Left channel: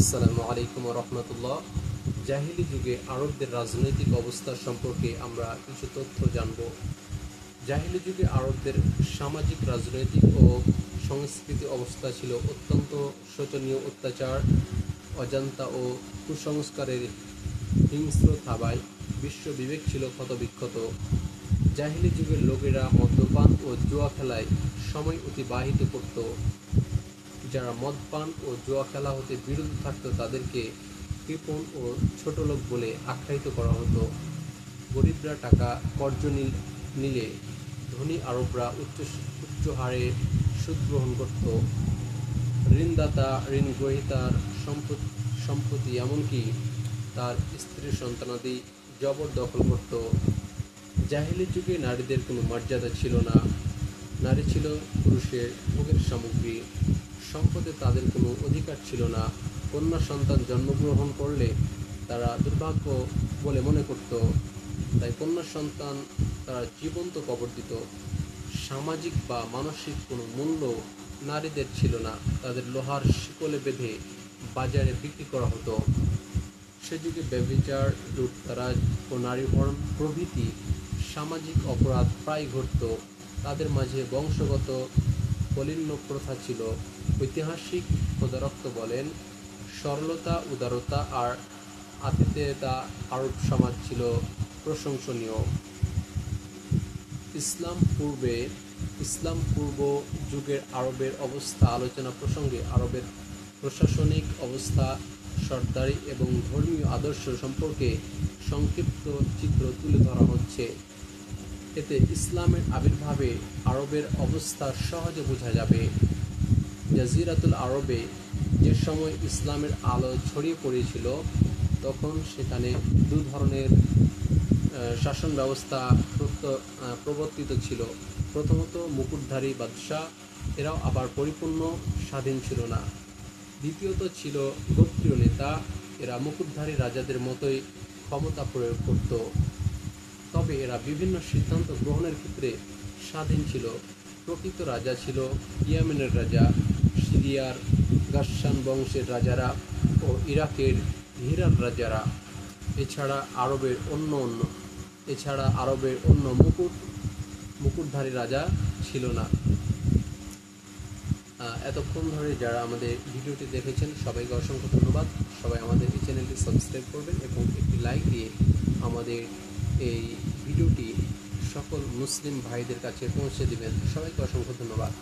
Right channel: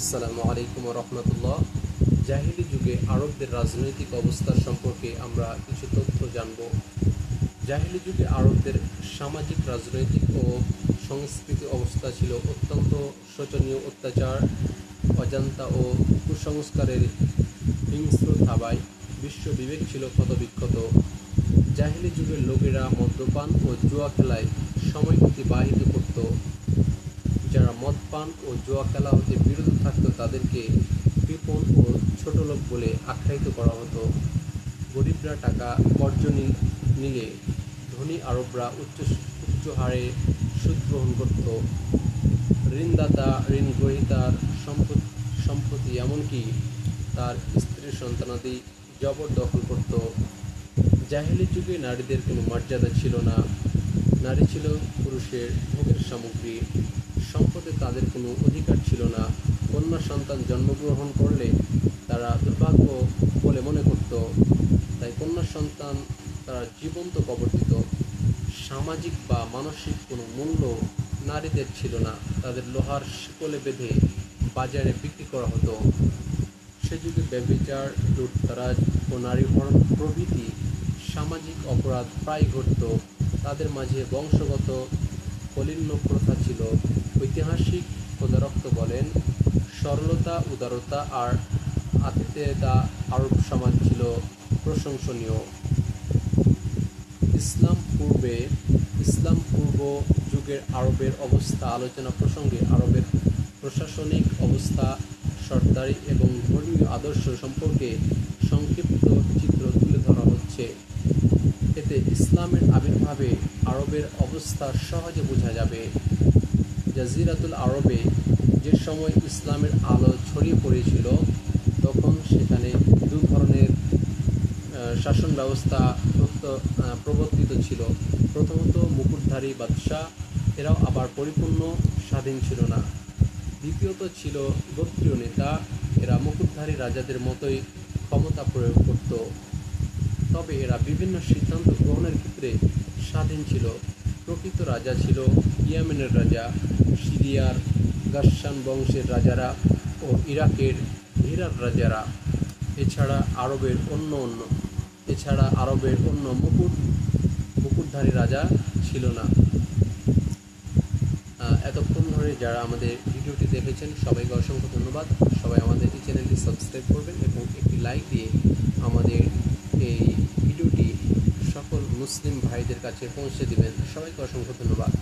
আসসালামু আলাইকুম ওয়া রাহমাতুল্লাহ। জাহিলি যুগে আরবদের রাজনৈতিক অবস্থা সম্পর্কে আমরা কিছু তথ্য জানব। জাহিলি যুগে আরবদের সামাজিক, রাজনৈতিক ও সংস্কৃতি অবস্থা ছিল অত্যন্ত শোচনীয়। অত্যাচার, অজান্তা ও কুসংস্কারের হিংস্র থাবায় বিশ্ব বিবেক ছিল ক্ষতবিক্ষত। জাহিলি যুগের লোকেরা মদ্যপান ও জুয়া খেলায় সময় অতিবাহিত করত। যারা মদপান ও জুয়া খেলা হতে বিরত থাকত তাদেরকে কৃপণ ও ছোটলোক বলে আখ্যায়িত করা হতো। গরিবরা টাকা কর্জ নিলে ধনী আরবরা উচ্চ হারে সুদ গ্রহণ করত। ঋণদাতা ঋণ গ্রহীতার সম্পত্তি এমনকি তার স্ত্রীর সন্তানাদি জবরদখল করত। জাহেলি যুগে নারীদের কোনো মর্যাদা ছিল না। নারী ছিল পুরুষের ভোগের সামগ্রী। সম্পদে তাদের কোনো অধিকার ছিল না। কন্যা সন্তান জন্মগ্রহণ করলে তারা দুর্ভাগ্য বলে মনে করত, তাই কন্যা সন্তান তারা জীবন্ত কবর দিত। সামাজিক বা মানসিক কোনো মূল্য নারীদের ছিল না। তাদের লোহার শিকলে বেঁধে বাজারে বিক্রি করা হতো। সে যুগে ব্যভিচার, লুটতরাজ ও নারী হরণ প্রভৃতি সামাজিক অপরাধ প্রায় ঘটত। তাদের মাঝে বংশগত কলিন্য প্রথা ছিল। ঐতিহাসিক খোদারক্ত বলেন, সরলতা, উদারতা আর আতিথেয়তা আরব সমাজ ছিল প্রশংসনীয়। ইসলাম পূর্ব যুগের আরবের অবস্থা আলোচনা প্রসঙ্গে আরবের প্রশাসনিক অবস্থা, সরদারি এবং ধর্মীয় আদর্শ সম্পর্কে সংক্ষিপ্ত চিত্র তুলে ধরা হচ্ছে। এতে ইসলামের আবির্ভাবে আরবের অবস্থা সহজে বোঝা যাবে। জাজিরাতুল আরবে যে সময় ইসলামের আলো ছড়িয়ে পড়েছিল তখন সেখানে দু ধরনের শাসন ব্যবস্থা প্রবর্তিত ছিল। প্রথমত মুকুটধারী বাদশাহ, এরাও আবার পরিপূর্ণ স্বাধীন ছিল না। দ্বিতীয়ত ছিল গোত্রীয় নেতা, এরা মুকুটধারী রাজাদের মতোই ক্ষমতা প্রয়োগ করত, তবে এরা বিভিন্ন সিদ্ধান্ত গ্রহণের ক্ষেত্রে স্বাধীন ছিল। প্রকৃত রাজা ছিল ইয়েমেনের রাজা, সিরিয়ার গাসসান বংশের রাজারা ও ইরাকের হিরার রাজারা। এছাড়া আরবের অন্য মুকুটধারী রাজা ছিল না। এতক্ষণ ধরে যারা আমাদের ভিডিওটি দেখেছেন সবাইকে অসংখ্য ধন্যবাদ। সবাই আমাদের এই চ্যানেলটি সাবস্ক্রাইব করবেন এবং একটি লাইক দিয়ে আমাদের এই ভিডিওটি সকল মুসলিম ভাইদের কাছে পৌঁছে দিবেন। সবাইকে অসংখ্য ধন্যবাদ।